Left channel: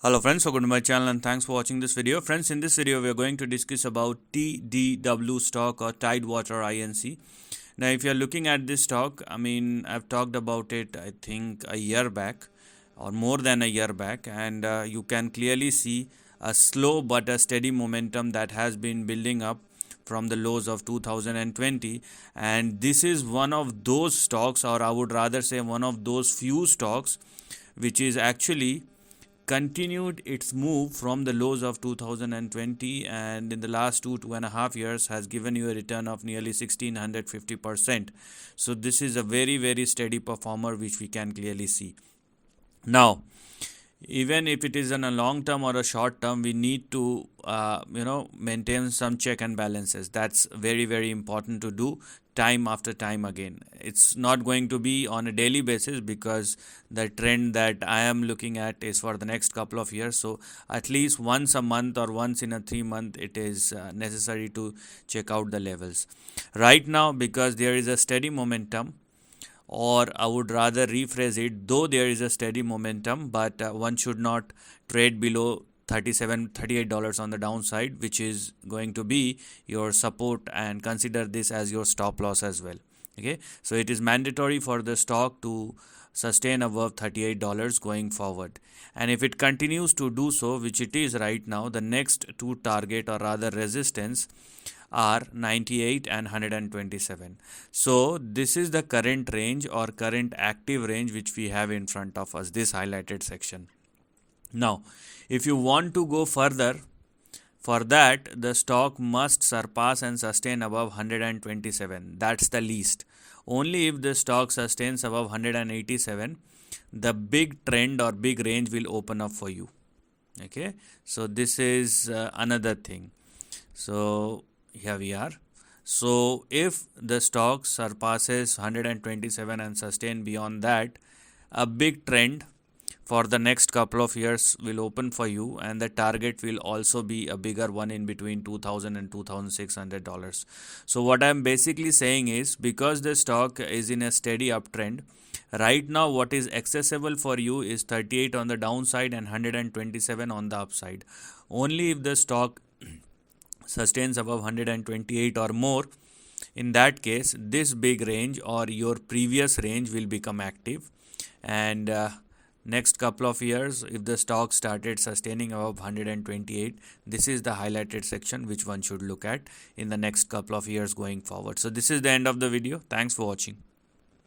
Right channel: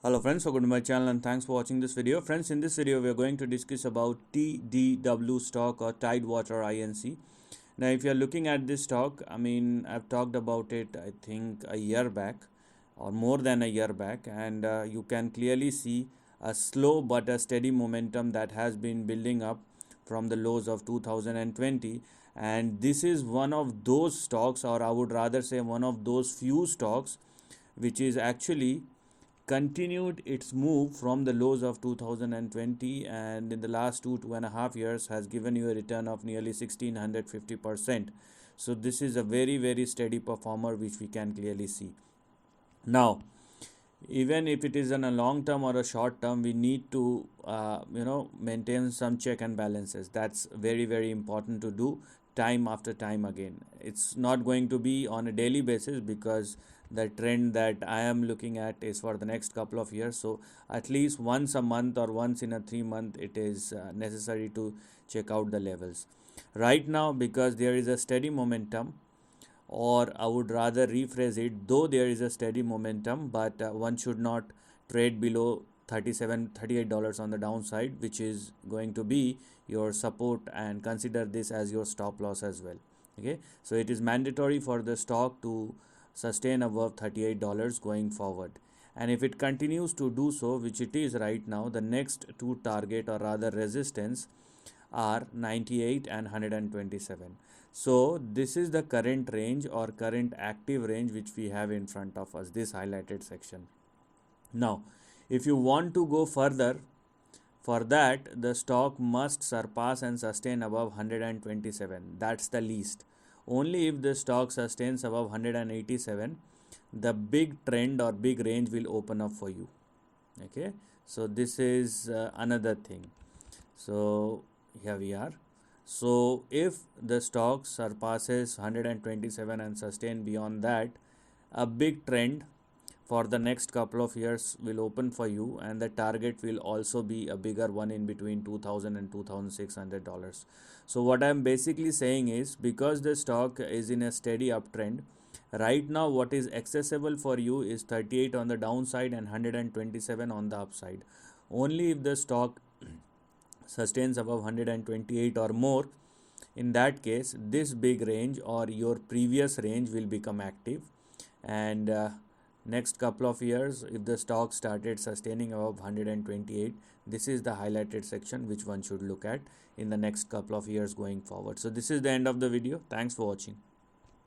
Hello friends, welcome to my channel and thanks for watching this video. Friends, in this video we are going to discuss about TDW stock or Tidewater INC. Now if you are looking at this stock, I've talked about it I think a year back or more than a year back, and you can clearly see a slow but a steady momentum that has been building up from the lows of 2020, and this is one of those stocks, or I would rather say one of those few stocks which is actually continued its move from the lows of 2020, and in the last 2.5 years has given you a return of nearly 1650%. So this is a very steady performer which we can clearly see. Now even if it is in a long term or a short term, we need to maintain some check and balances. That's very important to do time after time again. It's not going to be on a daily basis because the trend that I am looking at is for the next couple of years. So at least once a month or once in a 3 month it is necessary to check out the levels. Right now, because there is a steady momentum, or I would rather rephrase it, though there is a steady momentum, but one should not trade below $38 on the downside, which is going to be your support, and consider this as your stop loss as well. Okay, so it is mandatory for the stock to sustain above $38 going forward, and if it continues to do so, which it is right now, the next two target or rather resistance are 98 and 127. So this is the current range or current active range which we have in front of us, this highlighted section. Now if you want to go further, for that the stock must surpass and sustain above 127. That's the least. Only if the stock sustains above 187, the big trend or big range will open up for you. Okay, so this is another thing. So here we are. So if the stock surpasses 127 and sustain beyond that, a big trend for the next couple of years will open for you, and the target will also be a bigger one in between $2,000 and $2,600. So what I'm basically saying is, because the stock is in a steady uptrend right now, what is accessible for you is 38 on the downside and 127 on the upside. Only if the stock sustains above 128 or more, in that case this big range or your previous range will become active, and next couple of years, if the stock started sustaining above 128, this is the highlighted section which one should look at in the next couple of years going forward. So this is the end of the video. Thanks for watching.